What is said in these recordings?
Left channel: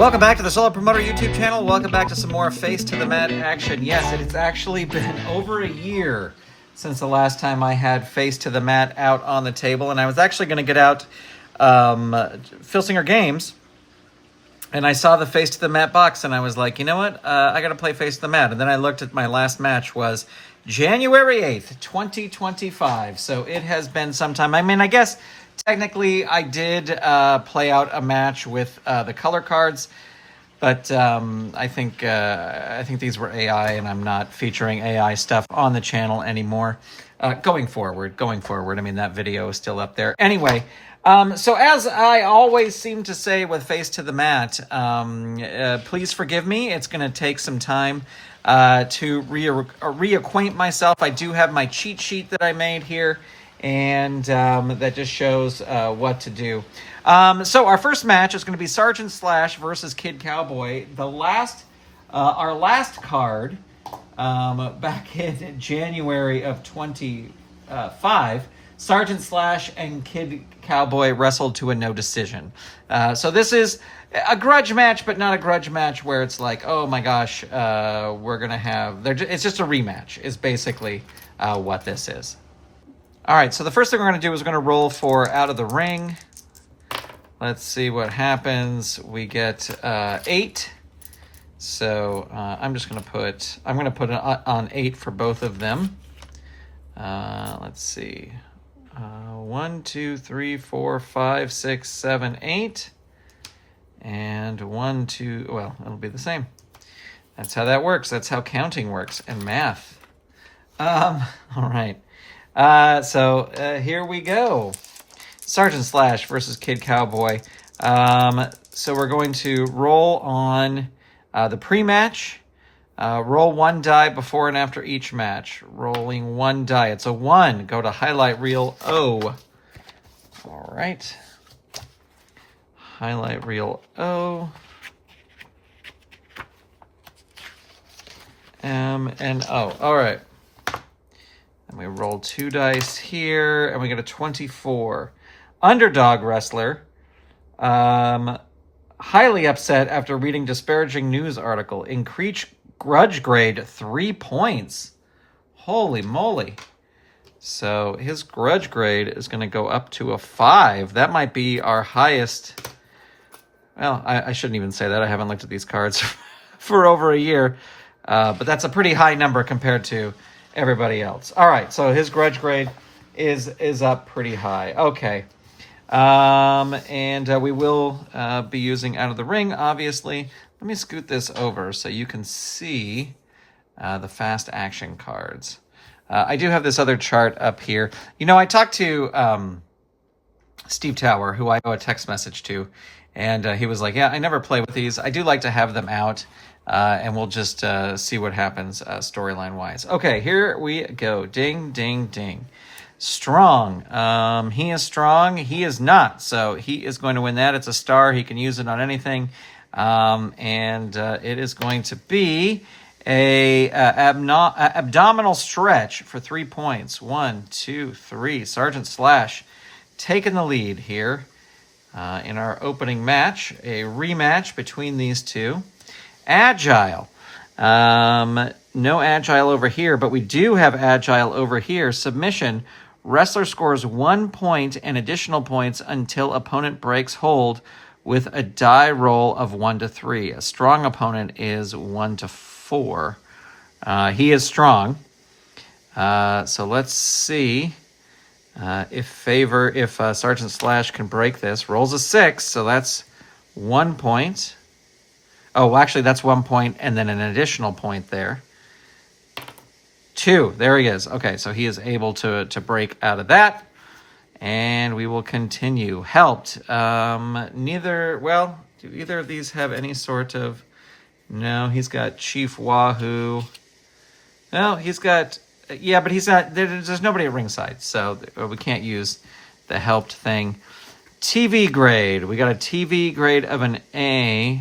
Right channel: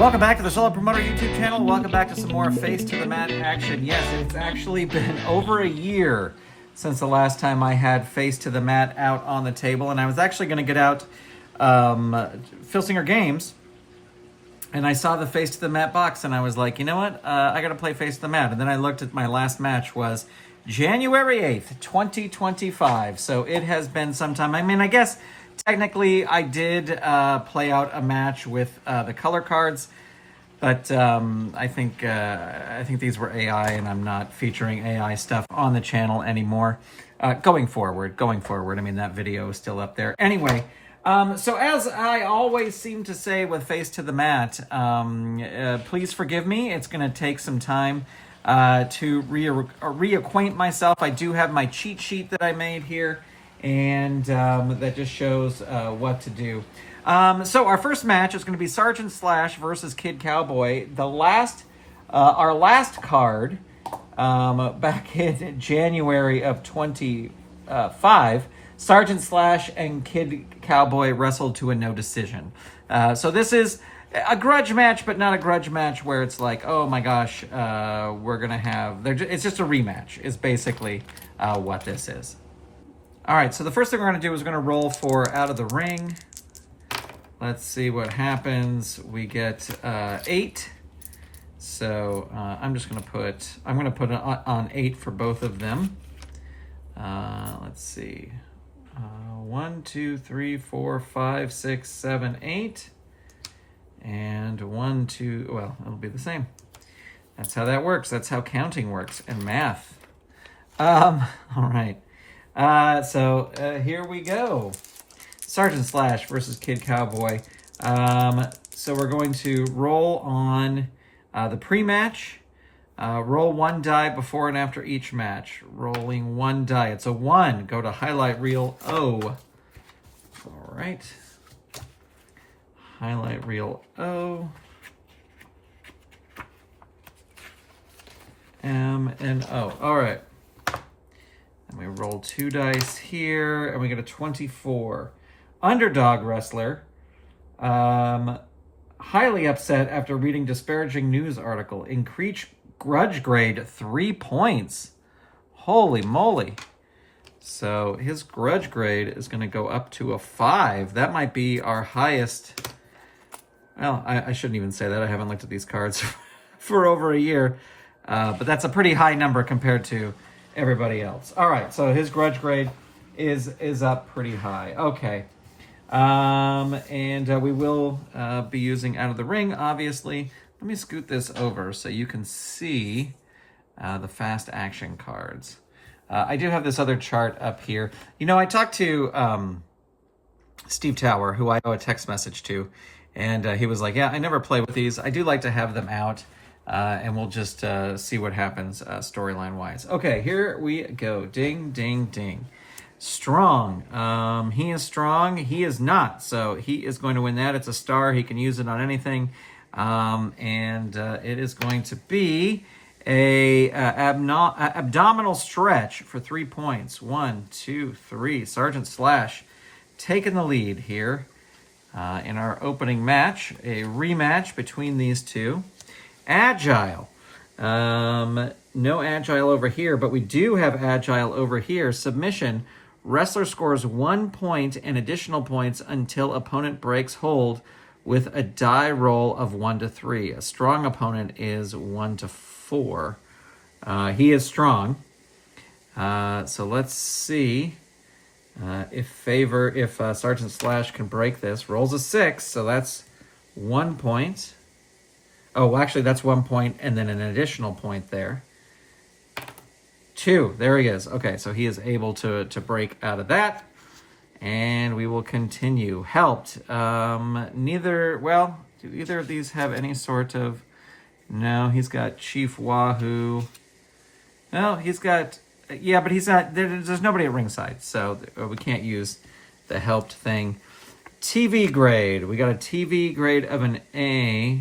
Welcome back to the Solo Promoter YouTube channel. Welcome back to some more Face to the Mat action. Yes, it's actually been over a year since the last time I had Face to the Mat out on the table, and I was actually going to get out Filsinger Games, and I saw the Face to the Mat box, and I was like, you know what? I got to play Face to the Mat. And then I looked at my last match was January 8th, 2025. So it has been some time. I mean, I guess technically I did play out a match with the color cards, but I think these were AI, and I'm not featuring AI stuff on the channel anymore. Going forward. I mean, that video is still up there. Anyway, so as I always seem to say with Face to the Mat, please forgive me. It's going to take some time to reacquaint myself. I do have my cheat sheet that I made here, and that just shows what to do. So our first match is going to be Sergeant Slash versus Kid Cowboy. Our last card back in January of 25, Sergeant Slash and Kid Cowboy wrestled to a no decision. So this is a grudge match, but not a grudge match where it's like, oh my gosh, we're going to have... It's just a rematch is basically what this is. All right, so the first thing we're going to do is we're going to roll for Out of the Ring. Let's see what happens. We get 8. So I'm going to put on 8 for both of them. Let's see. 1, 2, 3, 4, 5, 6, 7, 8. And 1, 2, well, it'll be the same. That's how that works. That's how counting works and math. All right. So here we go. Sergeant Slash versus Kid Cowboy. So we're going to roll on the pre-match. Roll 1 die before and after each match. Rolling 1 die. It's a 1. Go to highlight reel O. All right. Highlight reel O. M and O. All right. And we roll 2 dice here, and we get a 24. Underdog wrestler. Highly upset after reading disparaging news article. Increase grudge grade 3 points. Holy moly. So his grudge grade is going to go up to a 5. That might be our highest. Well, I shouldn't even say that. I haven't looked at these cards for over a year. But that's a pretty high number compared to everybody else. All right, so his grudge grade is up pretty high. Okay. And we will be using Out of the Ring, obviously. Let me scoot this over so you can see the fast action cards. I do have this other chart up here. You know, I talked to Steve Tower, who I owe a text message to, and he was like, yeah, I never play with these. I do like to have them out, and we'll just see what happens storyline-wise. Okay, here we go. Ding, ding, ding. Strong. He is strong. He is not. So he is going to win that. It's a star. He can use it on anything. And it is going to be a abdominal stretch for 3 points. 1, 2, 3. Sergeant Slash taking the lead here in our opening match. A rematch between these two. Agile. No agile over here, but we do have agile over here. Submission. Wrestler scores 1 point and additional points until opponent breaks hold with a die roll of 1 to 3. A strong opponent is 1 to 4. He is strong. So let's see if Sergeant Slash can break this. Rolls a 6, so that's 1 point. Oh, actually, that's 1 point and then an additional point there. 2. There he is. Okay, so he is able to break out of that. And we will continue. Helped. Do either of these have any sort of... No, he's got Chief Wahoo. No, he's got... Yeah, but he's not... There's nobody at ringside, so we can't use the helped thing. TV grade. We got a TV grade of an A.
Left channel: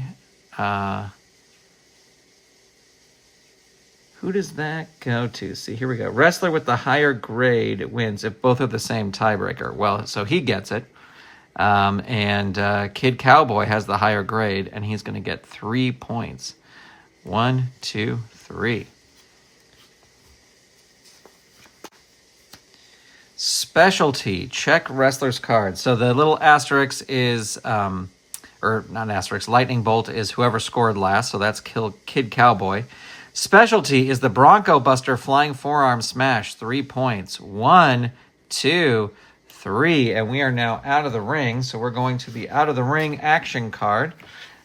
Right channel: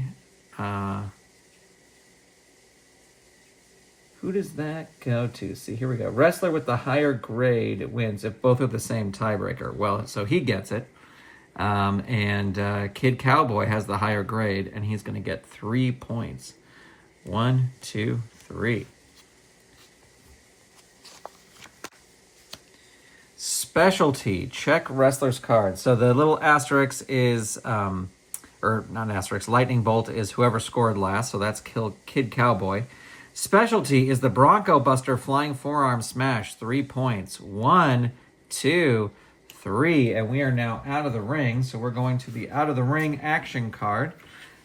Who does that go to? See, here we go. Wrestler with the higher grade wins if both are the same tiebreaker. Well, so he gets it. And Kid Cowboy has the higher grade, and he's going to get 3 points. 1, 2, 3. Specialty, check wrestler's cards. So the little asterisk is, or not asterisk, lightning bolt is whoever scored last, so that's Kid Cowboy. Specialty is the Bronco Buster flying forearm smash, 3 points. 1, 2, 3, and we are now out of the ring, so we're going to the out of the ring action card.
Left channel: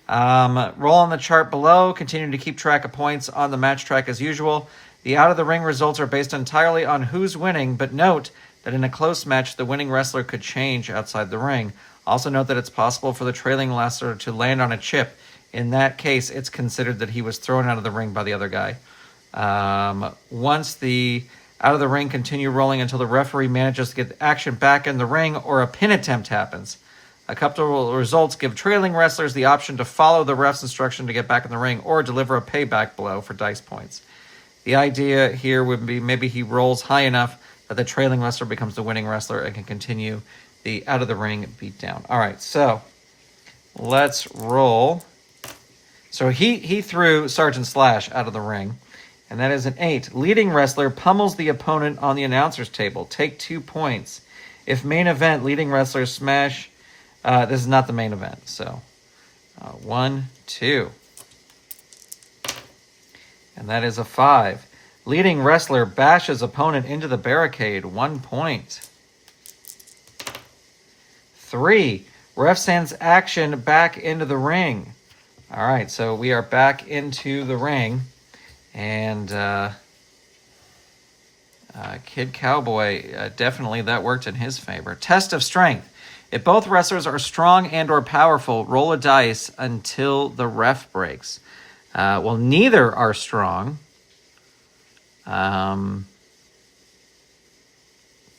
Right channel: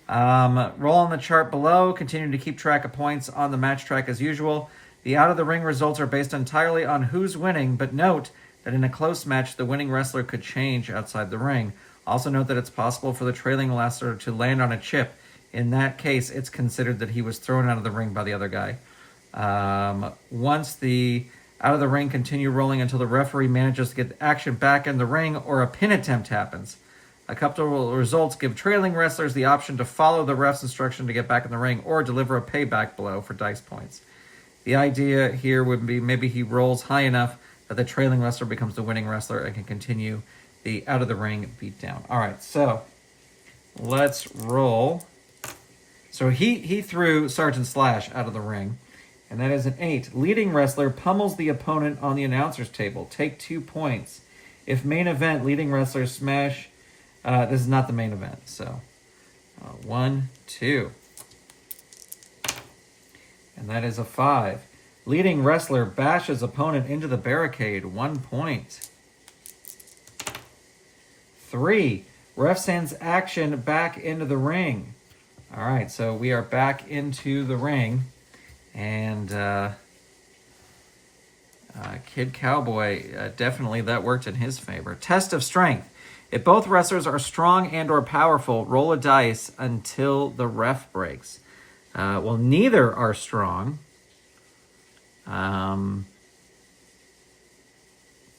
Roll on the chart below, continue to keep track of points on the match track as usual. The out of the ring results are based entirely on who's winning, but note that in a close match, the winning wrestler could change outside the ring. Also note that it's possible for the trailing wrestler to land on a chip. In that case, it's considered that he was thrown out of the ring by the other guy. Once the out of the ring, continue rolling until the referee manages to get action back in the ring or a pin attempt happens. A couple of results give trailing wrestlers the option to follow the ref's instruction to get back in the ring or deliver a payback blow for dice points. The idea here would be maybe he rolls high enough that the trailing wrestler becomes the winning wrestler and can continue the out of the ring beatdown. All right, so let's roll. So he threw Sergeant Slash out of the ring, and that is an 8. Leading wrestler pummels the opponent on the announcer's table. Take 2 points. If main event, leading wrestler smash. This is not the main event, so 1, 2. And that is a 5. Leading wrestler bashes opponent into the barricade. 1 point. 3. Ref sends action back into the ring. All right, so we are back into the ring. And Kid Cowboy, definitely that worked in his favor. Test of strength. If both wrestlers are strong and or powerful, roll a dice until the ref breaks. Well, neither are strong.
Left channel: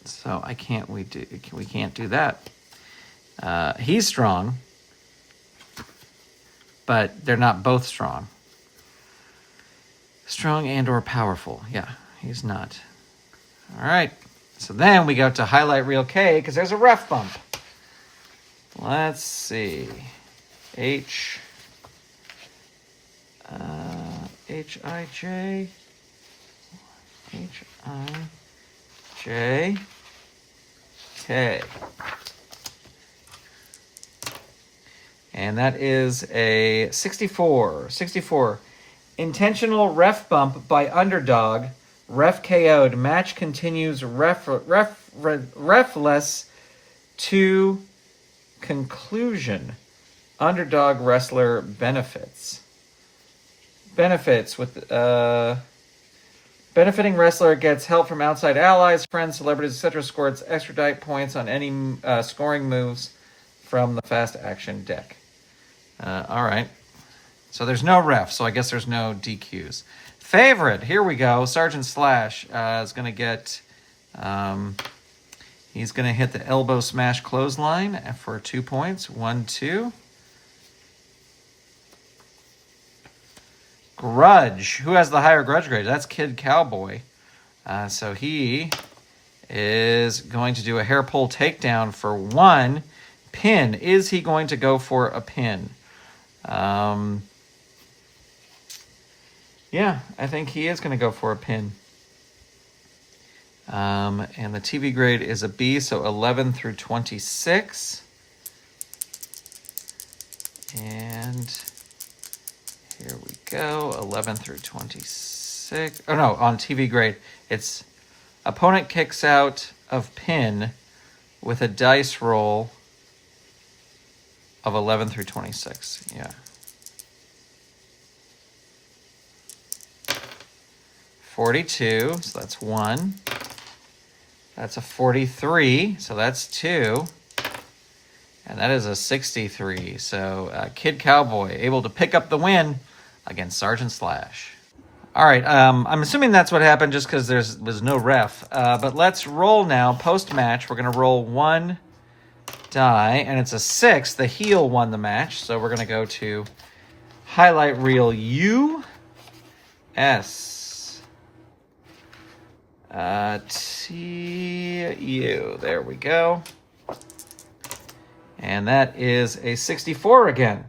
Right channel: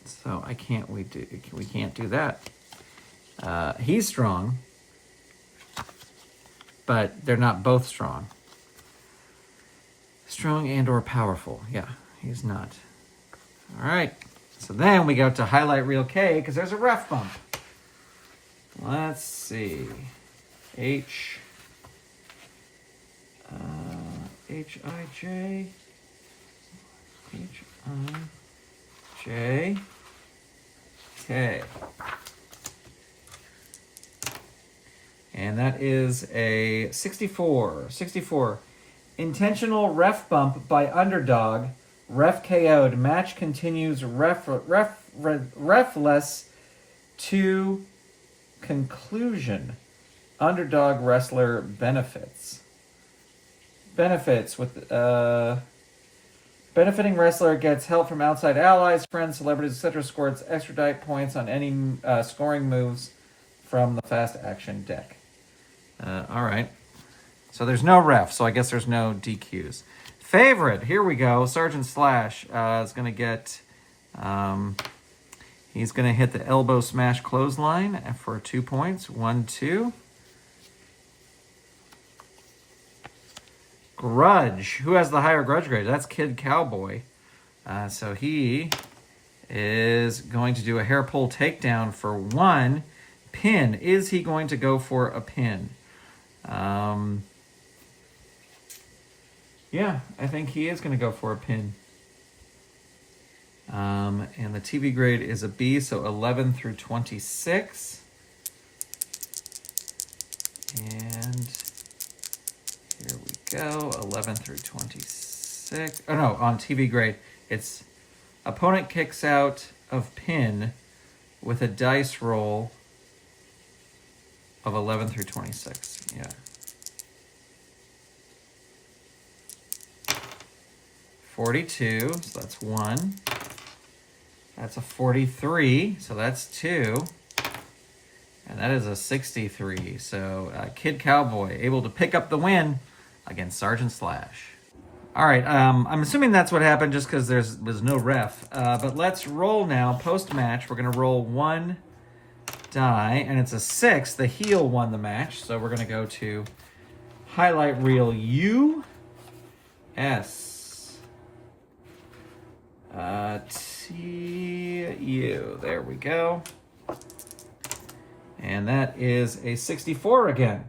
So we can't do that. He's strong, but they're not both strong. Strong and or powerful. Yeah, he's not. All right. So then we go to highlight reel K because there's a ref bump. Let's see. H-I-J. H-I-J-K. And that is a 64. 64. Intentional ref bump by underdog. Ref KO'd. Match continues refless to conclusion. Underdog wrestler benefits. Benefits with benefiting wrestler gets help from outside allies, friends, celebrities, etc. Scores extra die points on any scoring moves from the fast action deck. All right. So there's no ref, so I guess there's no DQs. Favorite, here we go. Sergeant Slash is going to get, he's going to hit the elbow smash clothesline for 2 points. 1, 2. Grudge. Who has the higher grudge grade? That's Kid Cowboy. So he is going to do a hair pull takedown for 1 pin. Is he going to go for a pin? Yeah, I think he is going to go for a pin. And the TV grade is a B, so 11 through 26. And here we go, 11 through 26. Oh, no, on TV grade, it's opponent kicks out of pin with a dice roll of 11 through 26. Yeah. 42, so that's 1. That's a 43, so that's 2. And that is a 63. So Kid Cowboy able to pick up the win against Sergeant Slash. All right, I'm assuming that's what happened just because there was no ref. But let's roll now. Post-match, we're going to roll 1 die, and it's a 6. The heel won the match, so we're going to go to highlight reel U-S. T-U. There we go. And that is a 64 again.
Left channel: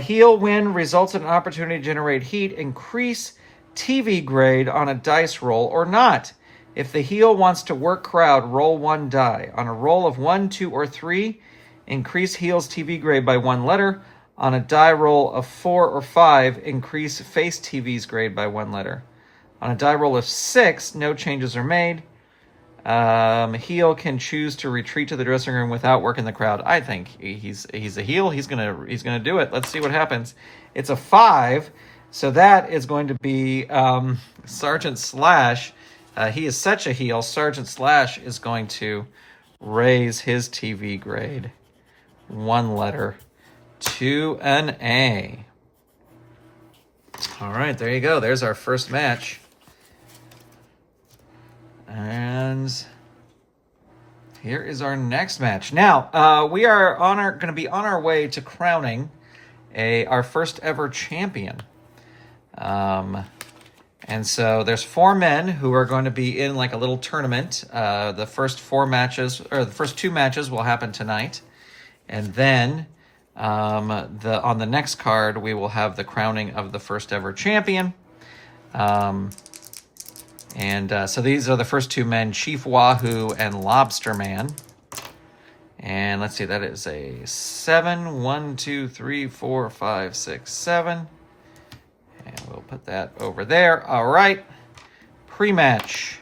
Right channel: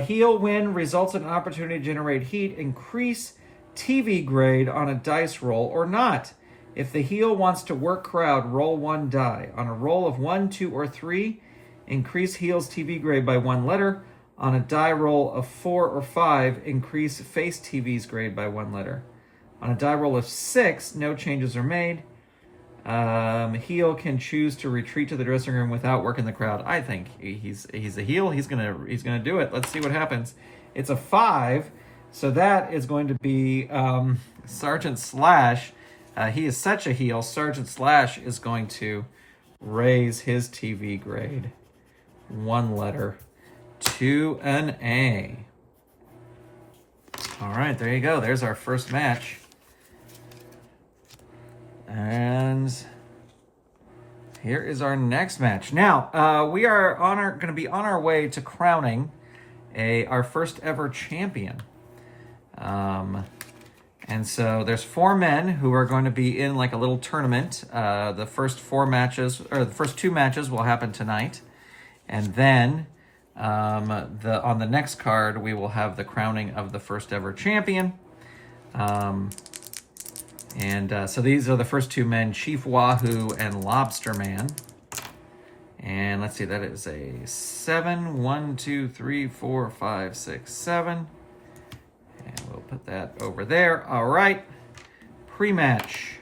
Heel win results in an opportunity to generate heat. Increase TV grade on a dice roll or not. If the heel wants to work crowd, roll 1 die. On a roll of 1, 2, or 3, increase heel's TV grade by 1 letter. On a die roll of 4 or 5, increase face TV's grade by 1 letter. On a die roll of 6, no changes are made. Heel can choose to retreat to the dressing room without working the crowd. I think he's a heel. He's gonna do it. Let's see what happens. It's a 5, so that is going to be Sergeant Slash. He is such a heel. Sergeant Slash is going to raise his TV grade 1 letter to an A. All right, there you go. There's our first match. And here is our next match. Now, we are going to be on our way to crowning our first ever champion. And so there's 4 men who are going to be in like a little tournament. The first 4 matches, or the first 2 matches, will happen tonight, and then on the next card we will have the crowning of the first ever champion. So these are the first 2 men, Chief Wahoo and Lobster Man. And let's see, that is a 7, 1, 2, 3, 4, 5, 6, 7. And we'll put that over there. All right, pre-match.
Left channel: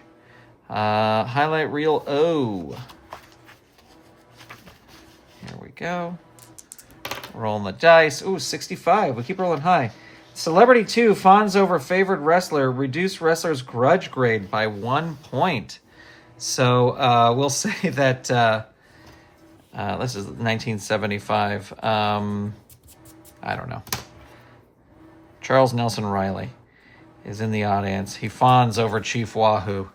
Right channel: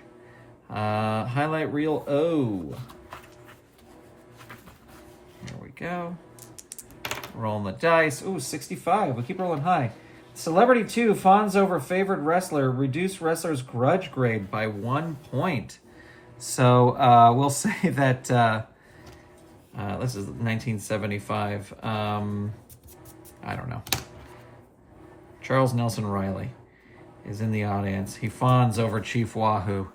Highlight reel O. There we go. Rolling the dice. Ooh, 65. We keep rolling high. Celebrity 2 fawns over favored wrestler. Reduce wrestler's grudge grade by 1 point. So we'll say that this is 1975. I don't know. Charles Nelson Riley is in the audience. He fawns over Chief Wahoo,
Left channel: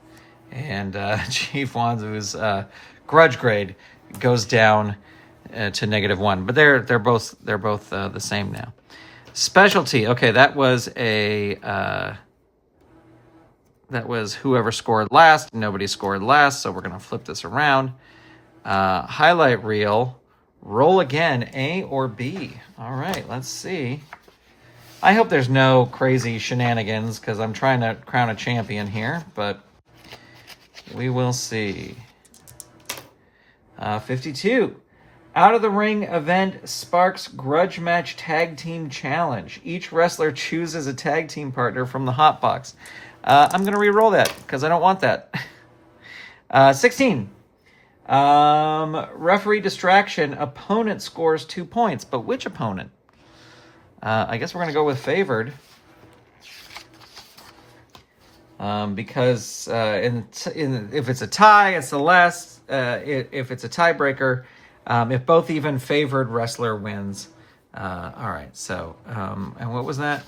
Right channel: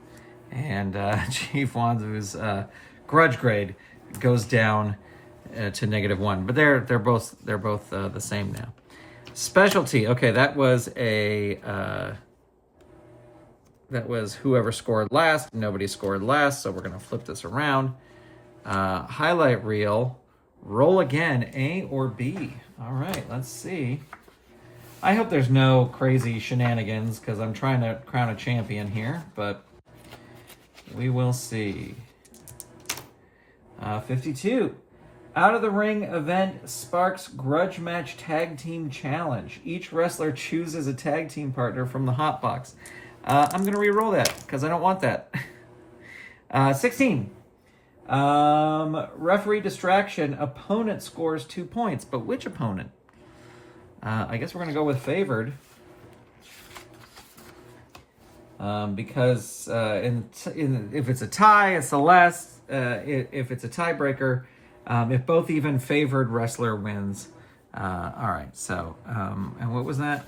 and Chief Wahoo's grudge grade goes down to -1. But they're both the same now. Specialty. Okay, that was whoever scored last. Nobody scored last, so we're going to flip this around. Highlight reel. Roll again, A or B. All right, let's see. I hope there's no crazy shenanigans because I'm trying to crown a champion here, but we will see. 52. Out of the ring event sparks grudge match tag team challenge. Each wrestler chooses a tag team partner from the hot box. I'm going to re-roll that because I don't want that. 16. Referee distraction. Opponent scores 2 points, but which opponent? I guess we're going to go with favored. Because if it's a tie, it's the less. If it's a tiebreaker, if both even favored wrestler wins. All right, so, and what was that?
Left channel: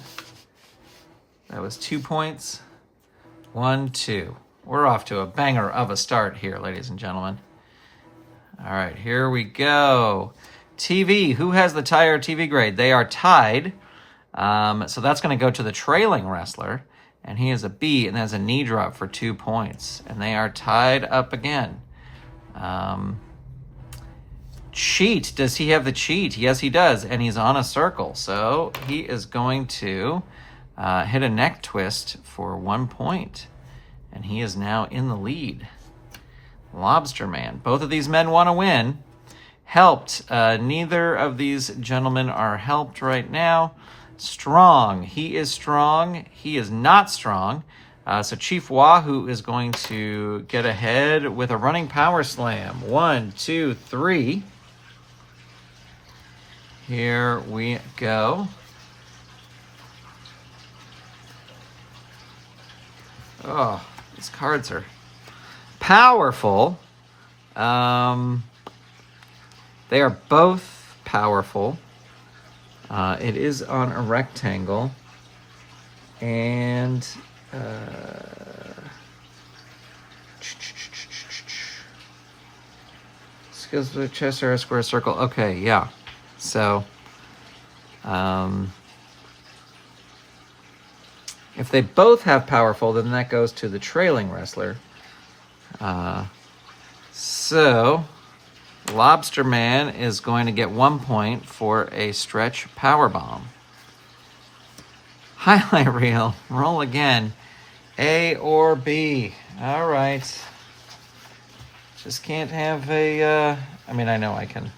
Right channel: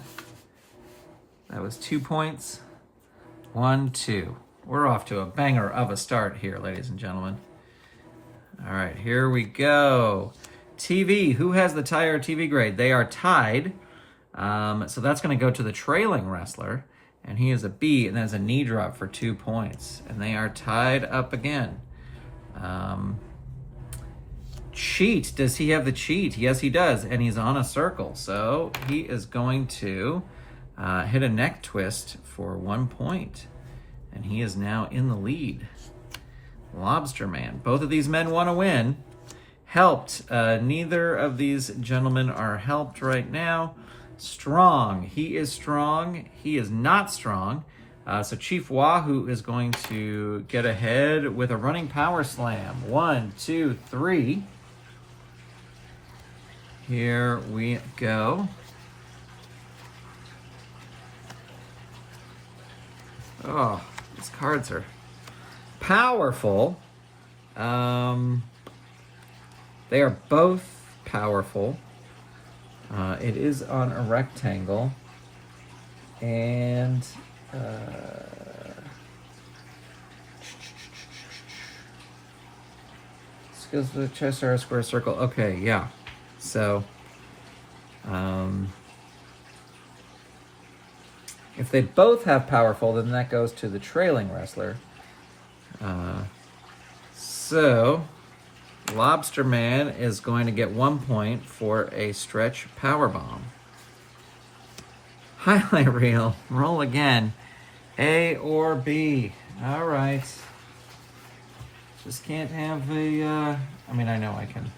That was 2 points. 1, 2. We're off to a banger of a start here, ladies and gentlemen. All right, here we go. TV, who has the higher TV grade? They are tied. So that's going to go to the trailing wrestler. And he is a B, and that's a knee drop for 2 points. And they are tied up again. Cheat. Does he have the cheat? Yes, he does. And he's on a circle. So he is going to hit a neck twist for 1 point. And he is now in the lead. Lobster Man. Both of these men want to win. Helped. Neither of these gentlemen are helped right now. Strong. He is strong. He is not strong. So Chief Wahoo is going to get ahead with a running power slam. 1, 2, 3. Here we go. Oh, these cards are powerful. They are both powerful. It is on a rectangle. And skills with chest or a square circle. Okay, yeah. So if they both have powerful, then that goes to the trailing wrestler. So Lobster Man is going to get 1 point for a stretch power bomb. Highlight reel, roll again. A or B. All right. Just can't have a, I mean, I know I can.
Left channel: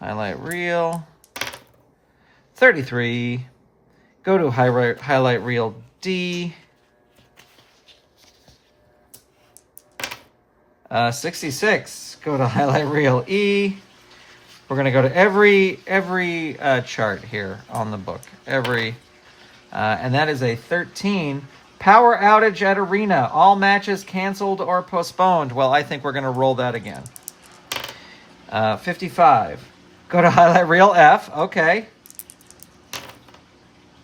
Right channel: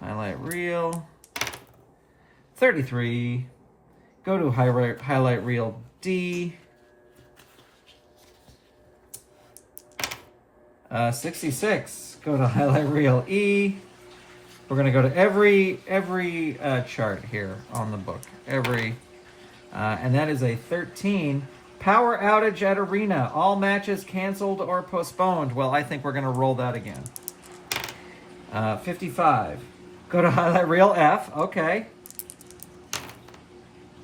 Highlight reel. 33. Go to highlight reel D. 66. Go to highlight reel E. We're gonna go to every chart here on the book. And that is a 13. Power outage at arena. All matches canceled or postponed. Well, I think we're gonna roll that again. 55. Go to highlight reel F. Okay.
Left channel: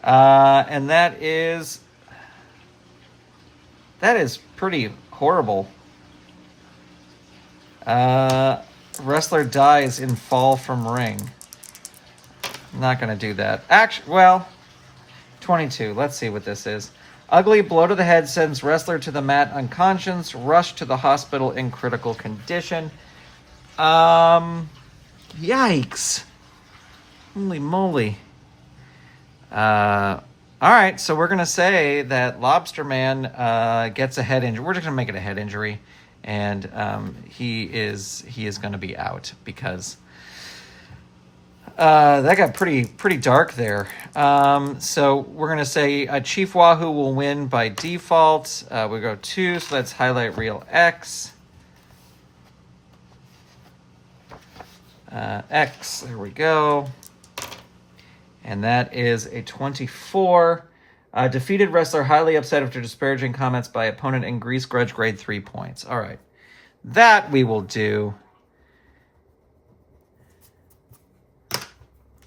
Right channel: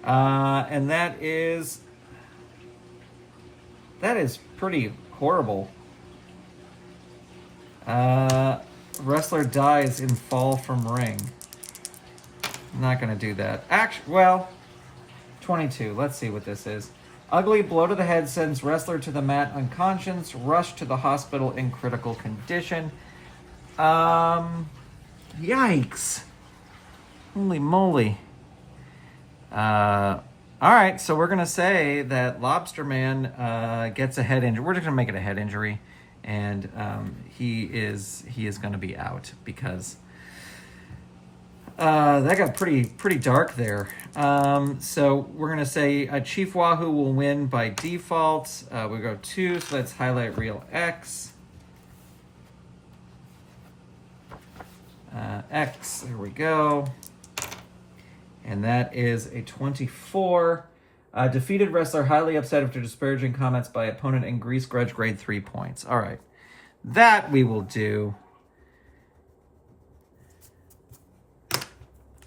And that is pretty horrible. Wrestler dies in fall from ring. I'm not going to do that. Actually, well, 22. Let's see what this is. Ugly blow to the head sends wrestler to the mat unconscious. Rush to the hospital in critical condition. Yikes. Holy moly. All right, so we're going to say that Lobster Man gets a head injury. We're just going to make it a head injury. And he is going to be out because that got pretty dark there. So we're going to say Chief Wahoo will win by default. We go 2, so that's highlight reel X. X, there we go. And that is a 24. Defeated wrestler highly upset after disparaging comments by opponent and grease grudge grade 3 points. All right. That we will do.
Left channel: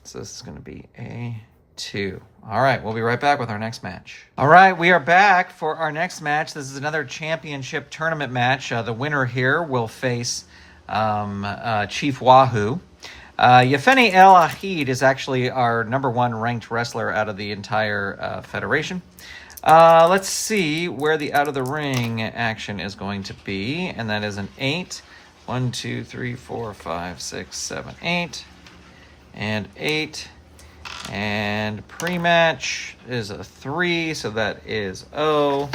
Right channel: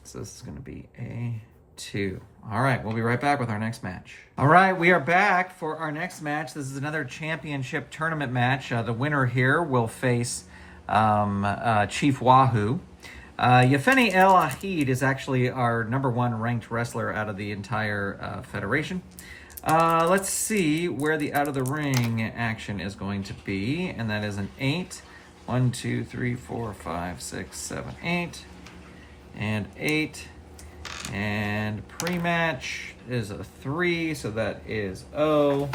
So this is going to be a 2. All right. We'll be right back with our next match. All right. We are back for our next match. This is another championship tournament match. The winner here will face Chief Wahoo. Yefeni El Ahid is actually our #1 ranked wrestler out of the entire federation. Let's see where the out of the ring action is going to be, and that is an 8. 1, 2, 3, 4, 5, 6, 7, 8, and 8. And pre-match is a 3, so that is O.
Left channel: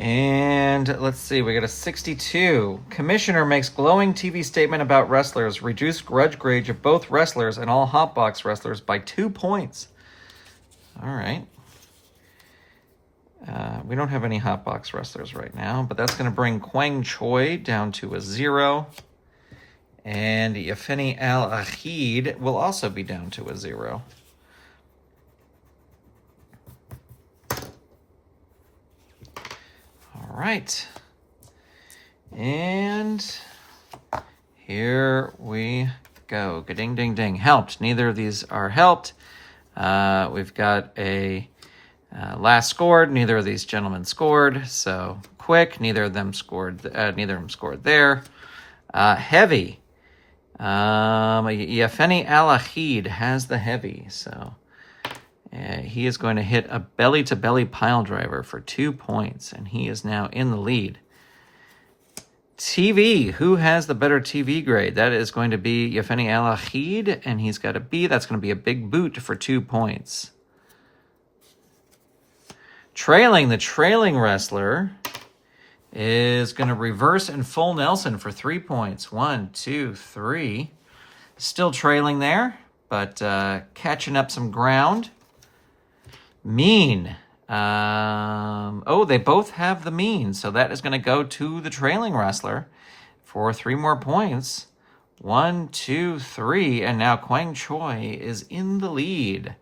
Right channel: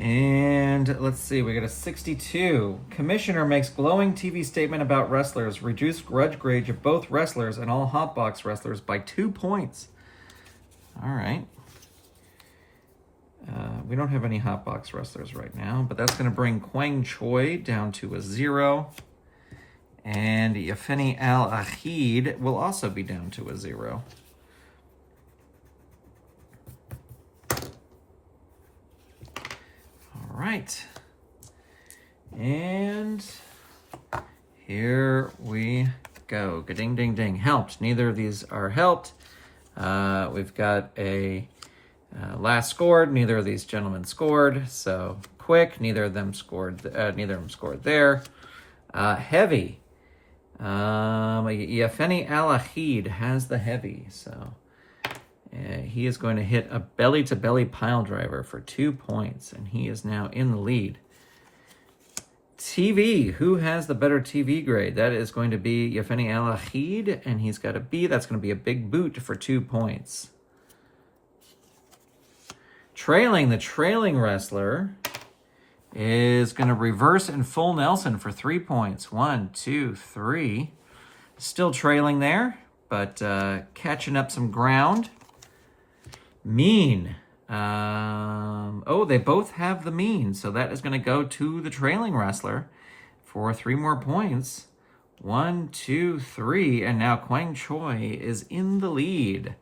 And let's see, we got a 62. Commissioner makes glowing TV statement about wrestlers. Reduced grudge grade of both wrestlers and all hotbox wrestlers by 2 points. All right. We don't have any hotbox wrestlers right now, but that's going to bring Quang Choi down to a 0. And Yefeni Al Ahid will also be down to a 0. All right. And here we go. Ding, ding, ding. Helped. Neither of these are helped. We've got a last scored. Neither of these gentlemen scored. So quick. Neither of them scored. Neither of them scored there. Heavy. Yefeni Al Ahid has the heavy. So he is going to hit a belly-to-belly pile driver for 2 points, and he is now in the lead. TV, who has the better TV grade? That is going to be Yefeni Al Ahid, and he's got a B. That's going to be a big boot for 2 points. The trailing wrestler is going to reverse and full Nelson for 3 points. 1, 2, 3. Still trailing there, but catching up some ground. Mean. They both have the mean, so that is going to go to the trailing wrestler for 3 more points. 1, 2, 3, and now Quang Choi is in the lead.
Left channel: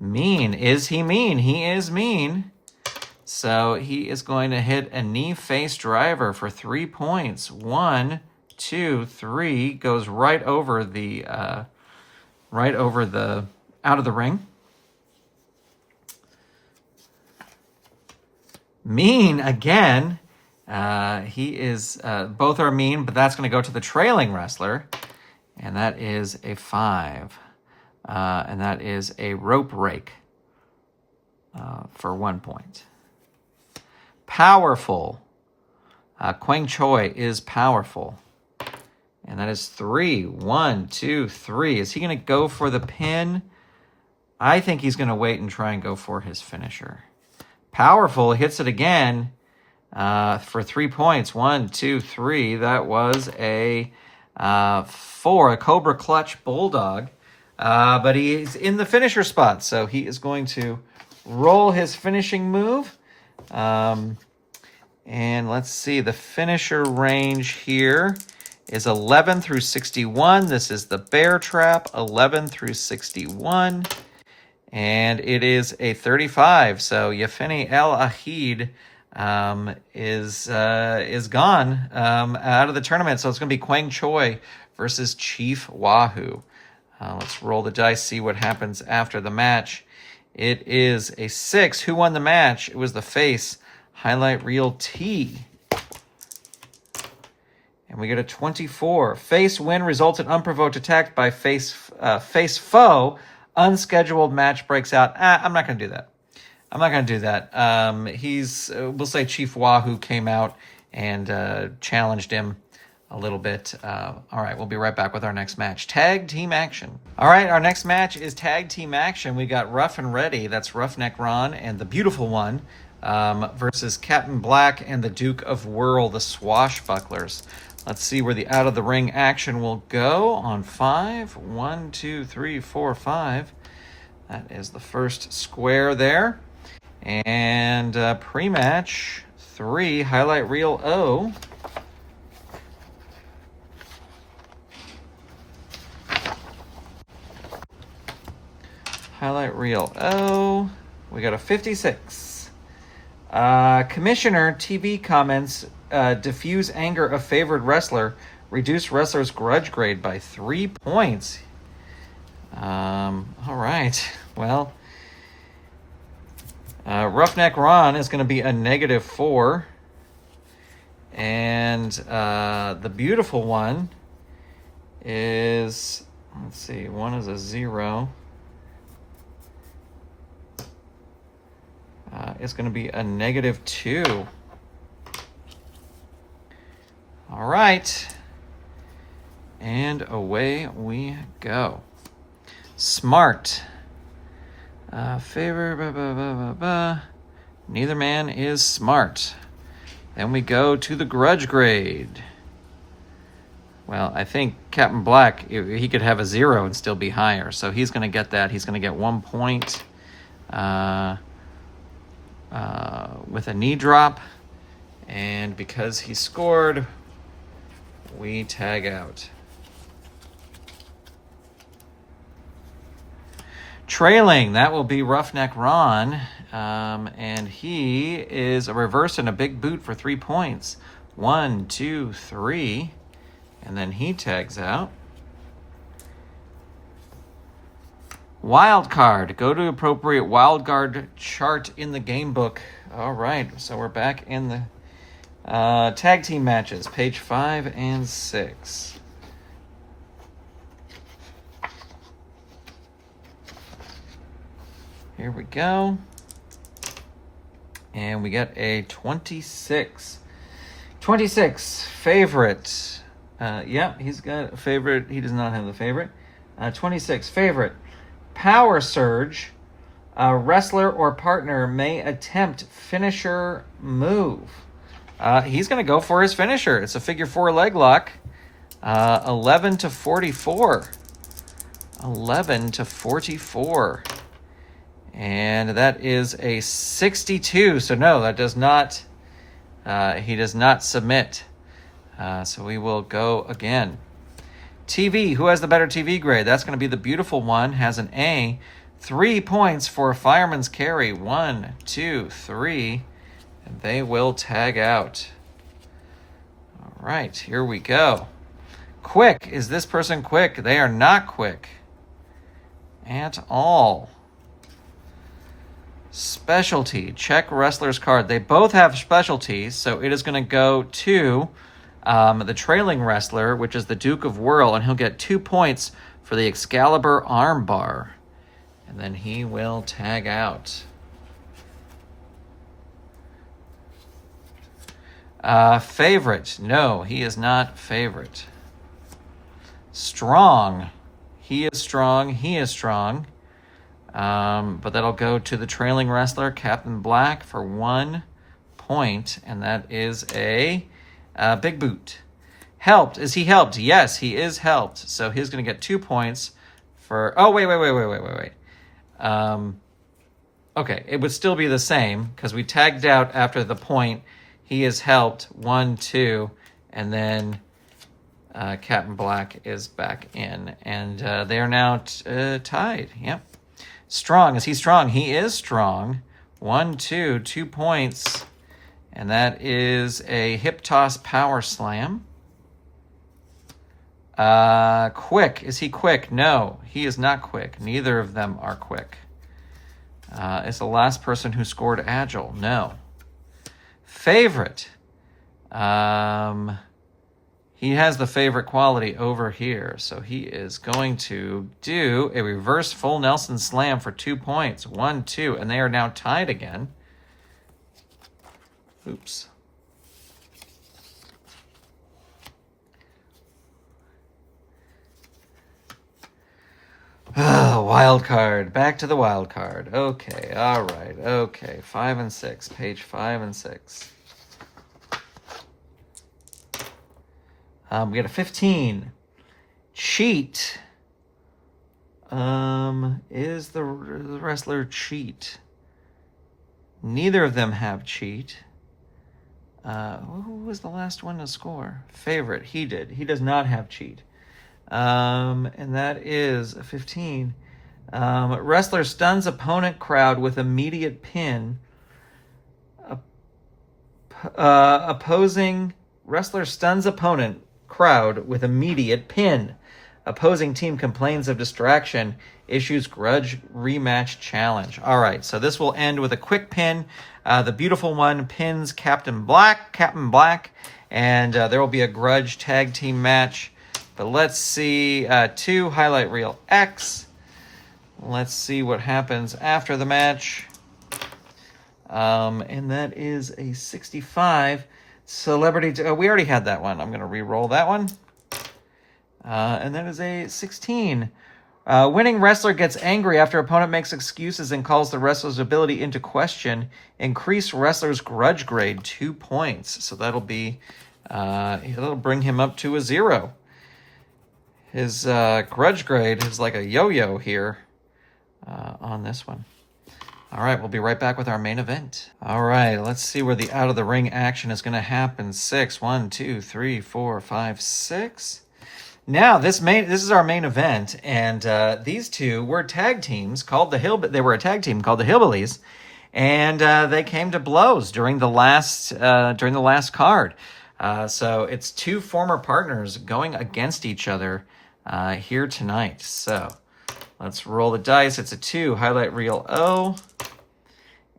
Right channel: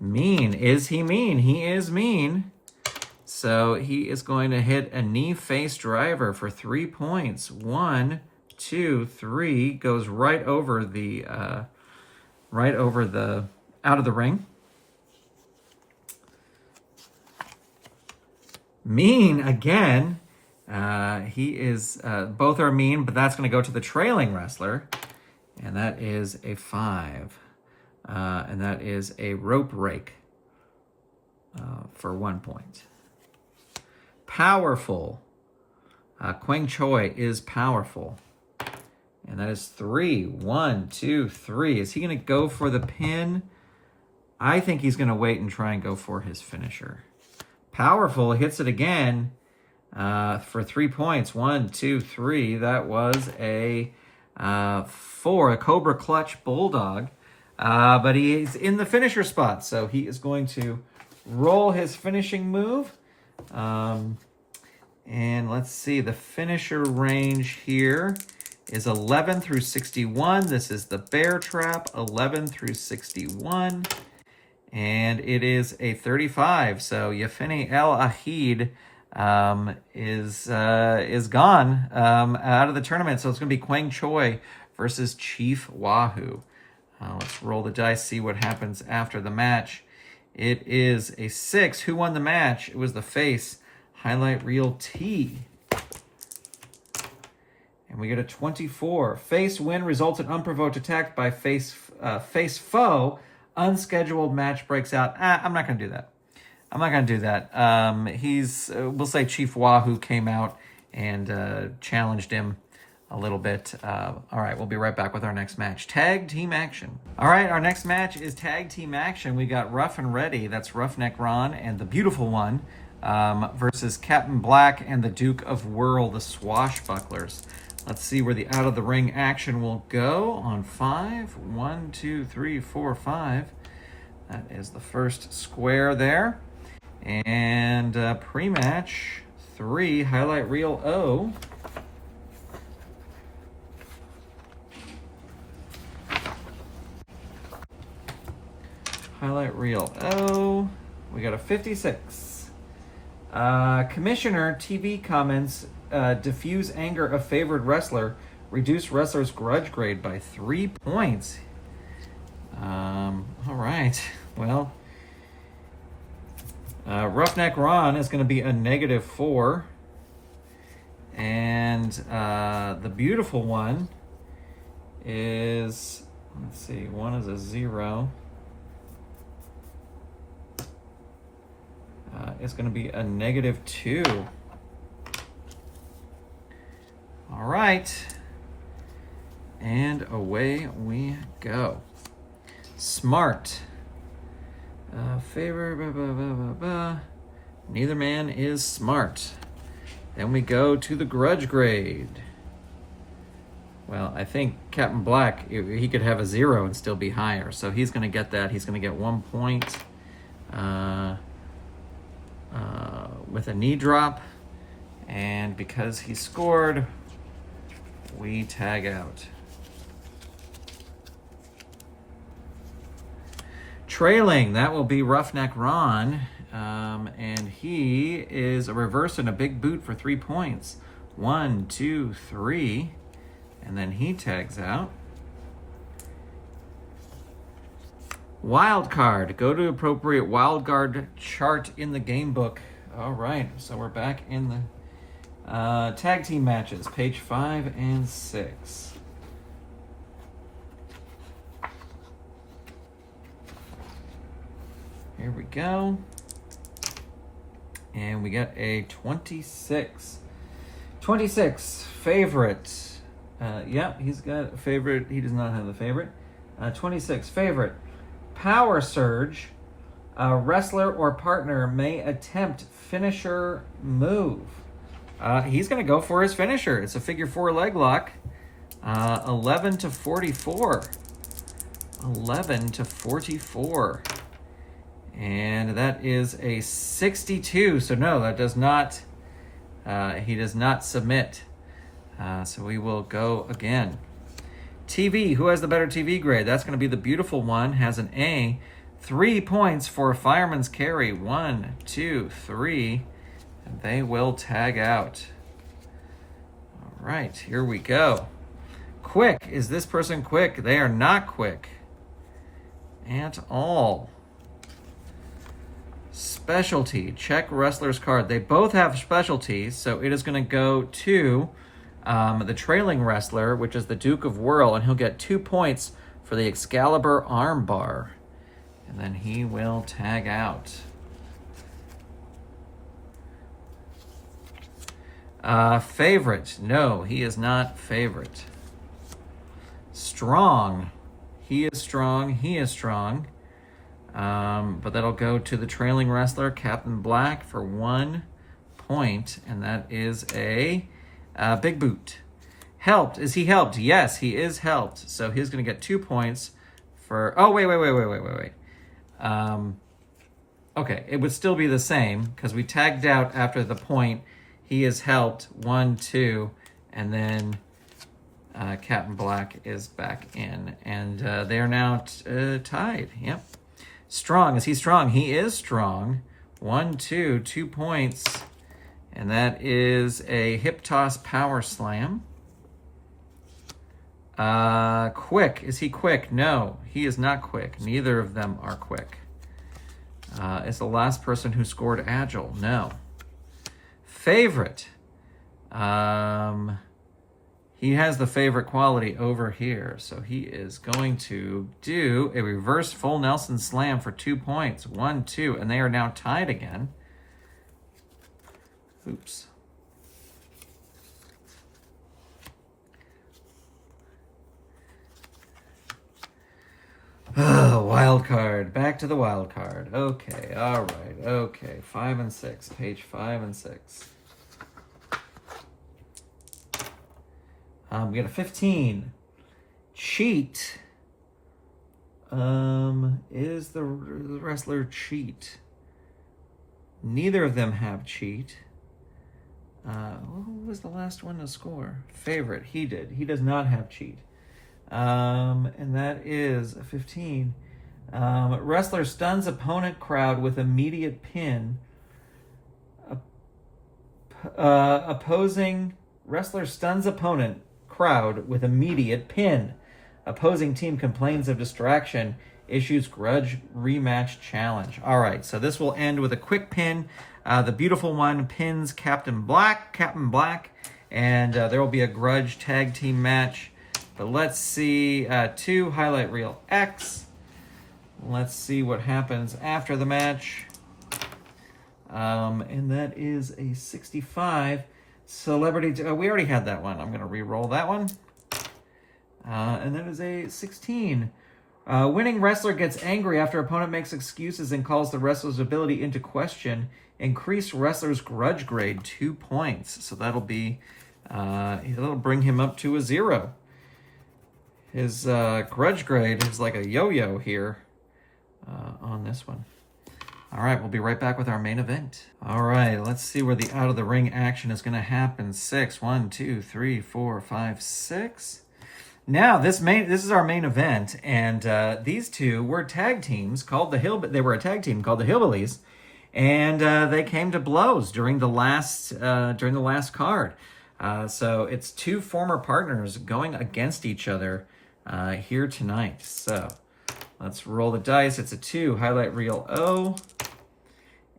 Mean. Is he mean? He is mean. So he is going to hit a knee face driver for 3 points. 1, 2, 3, goes right over the out of the ring. Mean again. He is both are mean, but that's going to go to the trailing wrestler, and that is a 5. and that is a rope rake for 1 point. Powerful. Quang Choi is powerful. And that is 3. 1, 2, 3. Is he going to go for the pin? I think he's going to wait and try and go for his finisher. Powerful hits it again for 3 points. 1, 2, 3. That was a 4, a Cobra Clutch Bulldog. But he's in the finisher spot, so he is going to roll his finishing move. And let's see, the finisher range here is 11 through 61. This is the bear trap, 11 through 61. And it is a 35. So Yefeni El Ahid is gone out of the tournament. So it's going to be Quang Choi versus Chief Wahoo. Let's roll the dice, see what happens after the match. It is a 6. Who won the match? It was the face. Highlight reel T. And we get a 24. Face win results in unprovoked attack by face foe. Unscheduled match breaks out. I'm not going to do that. I'm not going to do that. We'll say Chief Wahoo came out and challenged him a little bit. All right, we'll be right back with our next match. Tag team action. All right, our next match is tag team action. We got Rough and Ready. That's Roughneck Ron and the Beautiful One versus Captain Black and the Duke of Whirl, the Swashbucklers. Let's see where the out of the ring action will go on 5. 1, 2, 3, 4, 5. That is the first square there. And pre-match 3, highlight reel O. Highlight reel O. We got a 56. Commissioner TV comments diffuse anger of favored wrestler, reduce wrestler's grudge grade by 3 points. All right. Well, Roughneck Ron is going to be a -4. And the Beautiful One is, let's see, 1 is a 0. It's going to be a -2. All right. And away we go. Smart. Favor. Neither man is smart. Then we go to the grudge grade. Well, I think Captain Black, he could have a 0 and still be higher. So he's going to get that. He's going to get 1 point. With a knee drop, and because he scored, we tag out. Trailing, that will be Roughneck Ron, and he is a reverse and a big boot for 3 points. 1, 2, 3, and then he tags out. Wild card. Go to appropriate wild card chart in the game book. All right, so we're back in the tag team matches, page 5 and 6. Here we go. And we get a 26. 26, favorite. Yeah, he's got a favorite. He does not have the favorite. 26, favorite. Power Surge, a wrestler or partner may attempt finisher move. He's going to go for his finisher. It's a figure 4 leg lock. 11 to 44. 11 to 44. And that is a 62. So no, that does not, he does not submit. So we will go again. TV, who has the better TV grade? That's going to be the Beautiful One, has an A. 3 points for fireman's carry. 1, 2, 3. And they will tag out. All right, here we go. Quick. Is this person quick? They are not quick at all. Specialty. Check wrestler's card. They both have specialties, so it is going to go to the trailing wrestler, which is the Duke of Whirl, and he'll get 2 points for the Excalibur armbar. And then he will tag out. Favorite. No, he is not favorite. Strong. He is strong. He is strong. But that'll go to the trailing wrestler, Captain Black, for 1 point. And that is a big boot. Helped. Is he helped? Yes, he is helped. So he's going to get 2 points for... Oh, wait. Okay, it would still be the same because we tagged out after the point. He is helped 1, 2, and then Captain Black is back in, and they are now tied. Yep. Strong. Is he strong? He is strong. 1, 2, 2 points, and that is a hip toss power slam. Quick. Is he quick? No, he is not quick. Neither of them are quick. Is the last person who scored agile? No. Favorite. He has the favorite quality over here. So he is going to do a reverse full Nelson slam for 2 points. 1, 2, and they are now tied again. Oops. Oh, wild card. Back to the wild card. Okay, all right. Okay, 5 and 6. Page 5 and 6. We got a 15. Cheat. Is the wrestler cheat? Neither of them have cheat. Who was the last one to score? Favorite. He did. He does not have cheat. And that is a 15. Wrestler stuns opponent crowd with immediate pin. Opposing wrestler stuns opponent crowd with immediate pin. Opposing team complains of distraction. Issues grudge rematch challenge. All right, so this will end with a quick pin. The beautiful one pins Captain Black, and there will be a grudge tag team match. But let's see, 2 highlight reel X. Let's see what happens after the match. And that is a 65 celebrity. We already had that one. I'm going to re-roll that one. And that is a 16. Winning wrestler gets angry after opponent makes excuses and calls the wrestler's ability into question. Increase wrestler's grudge grade 2 points. So that'll be, that'll bring him up to a 0. His grudge grade is like a yo-yo here on this one. All right, we'll be right back with our main event. All right, let's see where the out-of-the-ring action is going to happen. 6, 1, 2, 3, 4, 5, 6. Now, this is our main event, and these two were tag teams called they were a tag team called the Hillbillies, and they came to blows during the last card. So it's 2 former partners going against each other here tonight. So let's roll the dice. It's a 2, highlight reel O,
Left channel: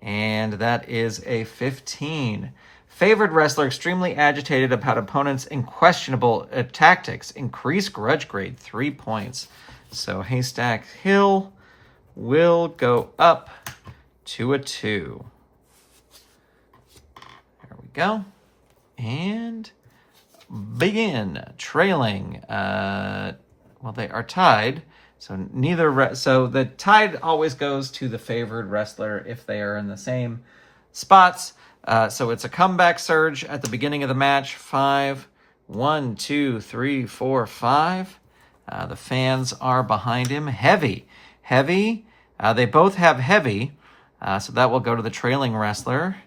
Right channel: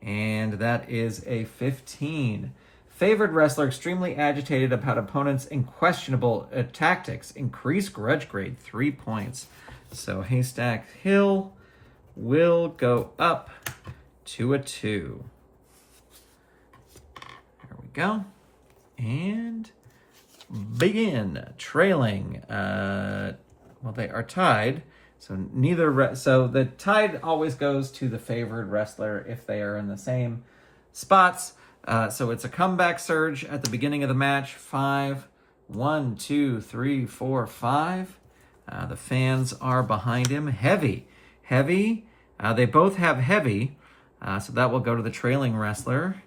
and that is a 15. Favored wrestler extremely agitated about opponent's questionable tactics. Increase grudge grade 3 points. So Haystack Hill will go up to a 2. There we go. And begin. Trailing. Well, they are tied. So so the tied always goes to the favored wrestler if they are in the same spots. So it's a comeback surge at the beginning of the match. 5, 1, 2, 3, 4, 5. The fans are behind him. Heavy. They both have heavy. So that will go to the trailing wrestler.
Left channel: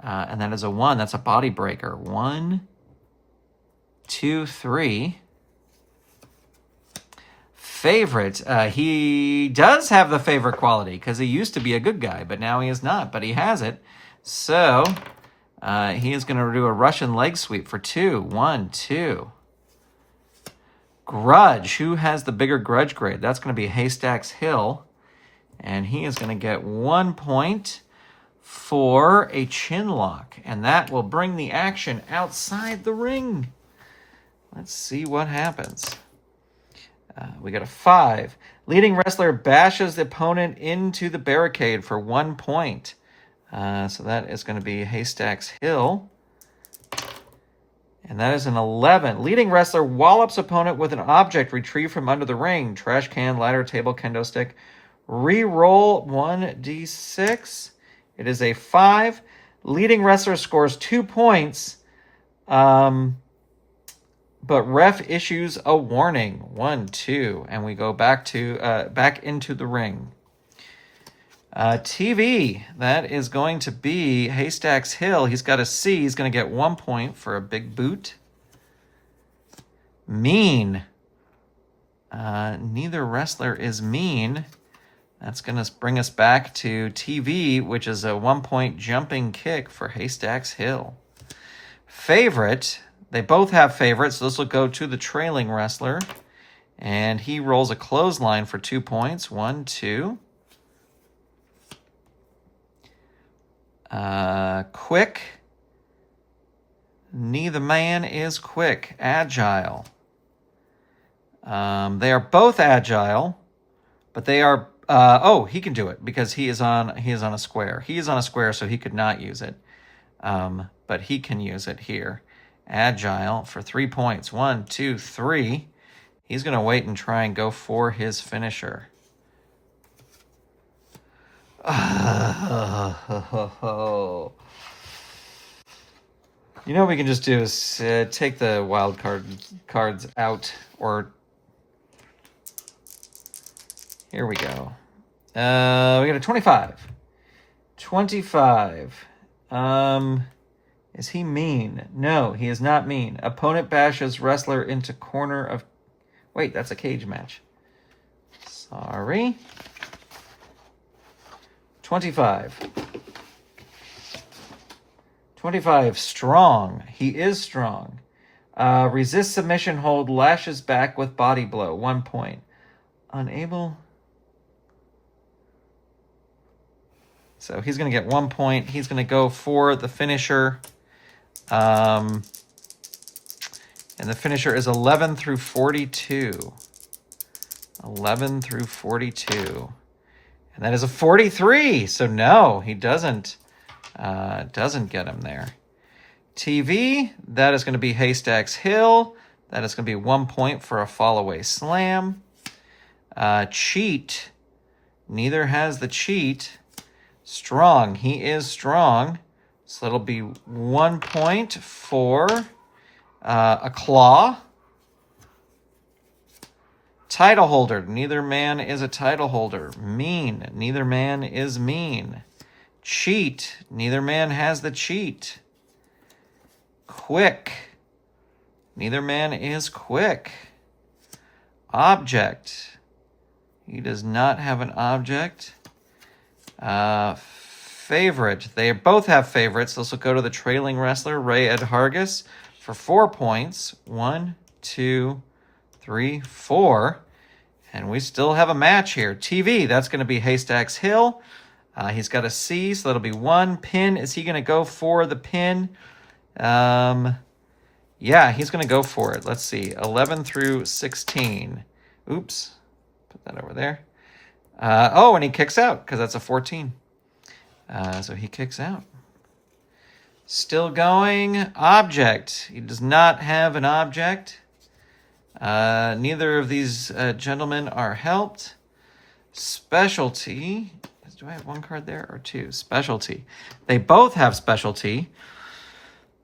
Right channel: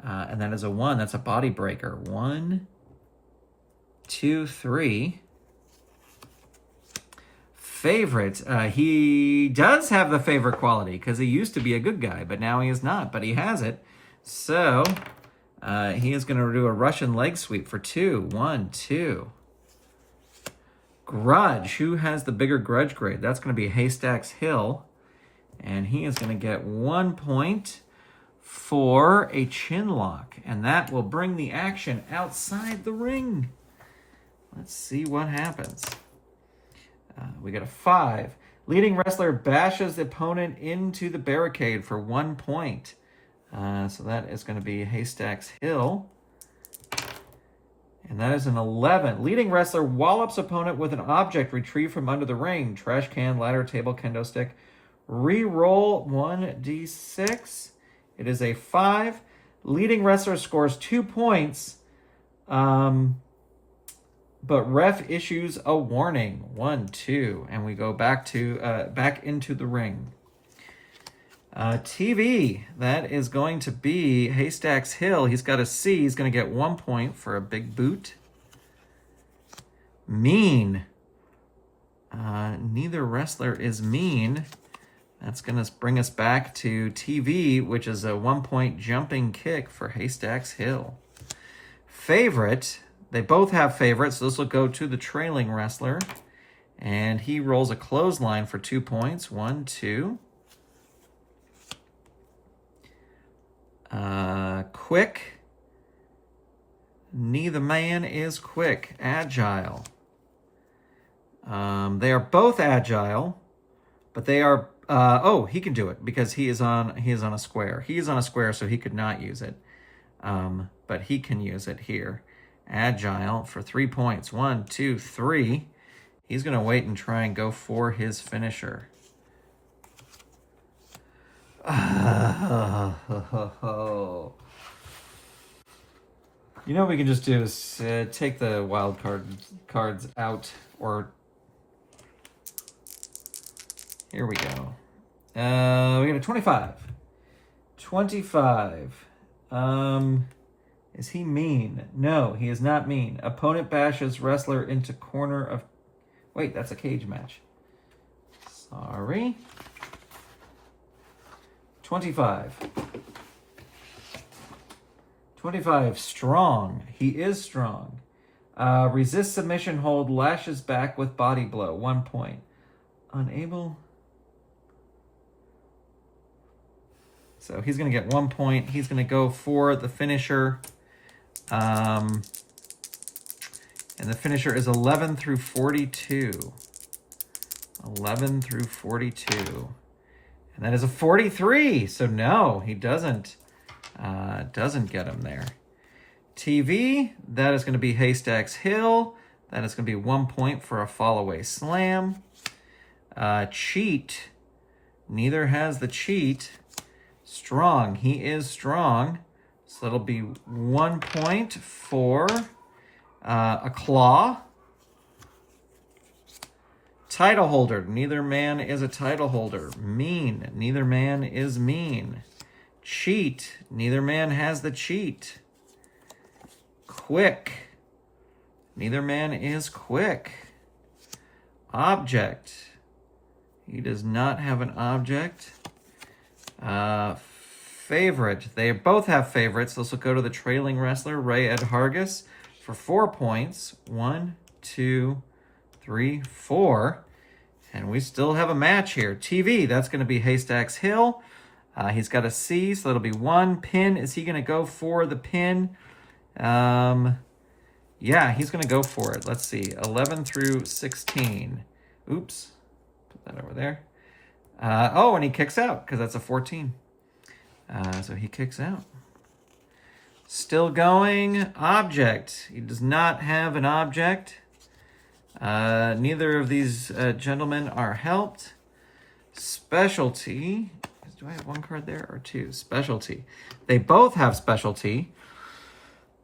And that is a 1. That's a body breaker. 1, 2, 3. Favorite. He does have the favorite quality because he used to be a good guy, but now he is not. But he has it. So he is going to do a Russian leg sweep for 2. 1, 2. Grudge. Who has the bigger grudge grade? That's going to be Haystacks Hill. And he is going to get 1 point for a chin lock. And that will bring the action outside the ring. Let's see what happens. We got a 5. Leading wrestler bashes the opponent into the barricade for 1 point. So that is going to be Haystacks Hill. And that is an 11. Leading wrestler wallops opponent with an object retrieved from under the ring. Trash can, ladder, table, kendo stick. Re-roll 1d6. It is a 5. Leading wrestler scores 2 points. But ref issues a warning. 1, 2. And we go back into the ring. TV, that is going to be Haystacks Hill. He's got a C. He's going to get 1 point for a big boot. Mean. Neither wrestler is mean. That's going to bring us back to TV, which is a 1 point jumping kick for Haystacks Hill. Favorite. They both have favorites, so this will go to the trailing wrestler. And he rolls a clothesline for 2 points. 1, 2. Quick. Neither man is quick. Agile. They are both agile, but they are... he can do it because he is on a square. He is on a square, so he could not use it. But he can use it here. Agile for 3 points. 1, 2, 3. He's going to wait and try and go for his finisher. You know what we can just do is take the wild cards out, or here we go. We got a 25. 25. Is he mean? No, he is not mean. Opponent bashes wrestler into corner of... Wait, that's a cage match. Sorry. 25. 25, strong. He is strong. Resist submission hold, lashes back with body blow. 1 point. Unable. So he's going to get 1 point. He's going to go for the finisher. And the finisher is 11 through 42. 11 through 42. And that is a 43. So no, he doesn't get him there. TV, that is going to be Haystacks Hill. That is going to be 1 point for a fall away slam. Cheat. Neither has the cheat. Strong. He is strong. So that'll be 1 point for a claw. Title holder. Neither man is a title holder. Mean. Neither man is mean. Cheat. Neither man has the cheat. Quick. Neither man is quick. Object. He does not have an object. Favorite. They both have favorites. This will go to the trailing wrestler, Ray Ed Hargis, for 4 points. 1, 2, 3, 4. And we still have a match here. TV, that's going to be Haystacks Hill. He's got a C, so that'll be 1. Pin, is he going to go for the pin? Yeah, he's going to go for it. Let's see. 11 through 16. Oops. Put that over there. And he kicks out because that's a 14. So he kicks out. Still going. Object. He does not have an object. Neither of these gentlemen are helped. Specialty. Do I have 1 card there or 2? Specialty. They both have specialty.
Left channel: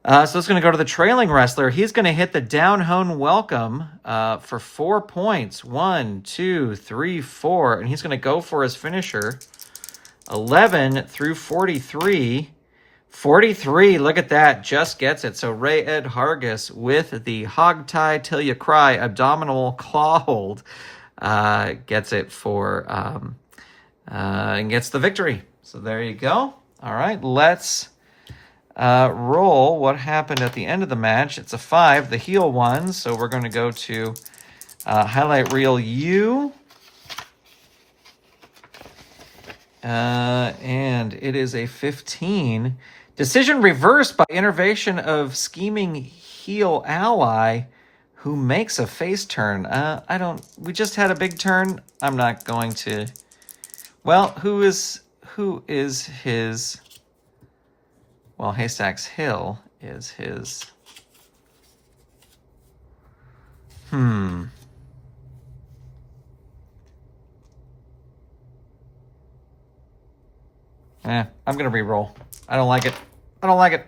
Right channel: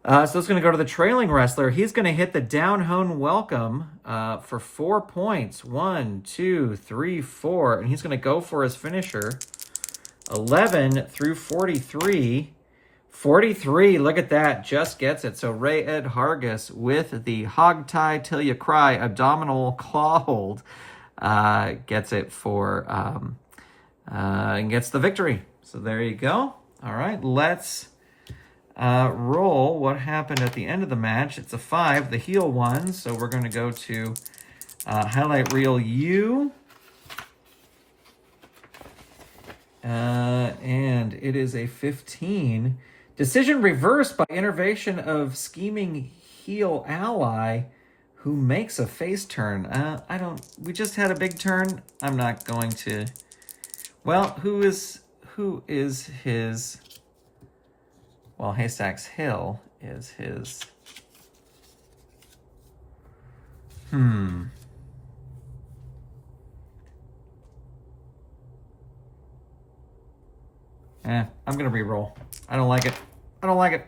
So it's going to go to the trailing wrestler. He's going to hit the down hone welcome for 4 points. 1, 2, 3, 4. And he's going to go for his finisher. 11 through 43. 43, look at that, just gets it. So Ray Ed Hargis with the hog tie till you cry abdominal claw hold gets it for and gets the victory. So there you go. All right, let's roll what happened at the end of the match. It's a 5, the heel won. So we're going to go to highlight reel U. And it is a 15. Decision reversed by intervention of scheming heel ally who makes a face turn. We just had a big turn. I'm not going to, well, who is his, well, Haystack's Hill is his, I'm gonna re-roll. I don't like it. I don't like it.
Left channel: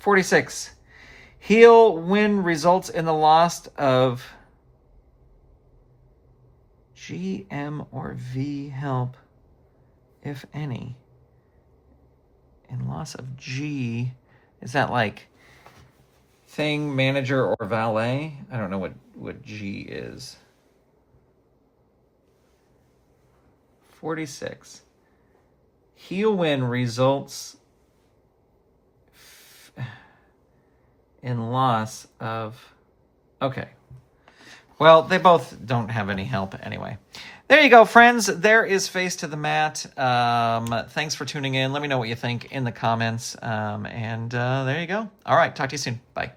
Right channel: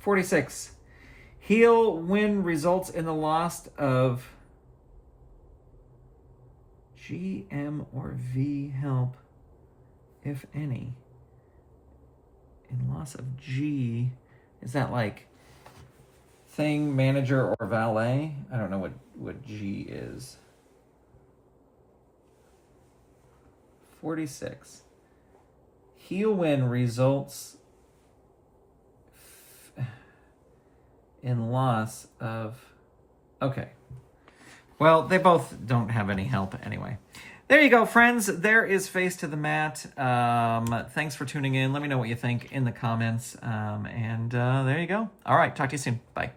46. Heal win results in the loss of G, M, or V help, if any. In loss of G, is that like thing, manager, or valet? I don't know what G is. 46. Heal win results in loss of, okay. Well, they both don't have any help anyway. There you go, friends. There is Face to the Mat. Thanks for tuning in. Let me know what you think in the comments. And there you go. All right, talk to you soon. Bye.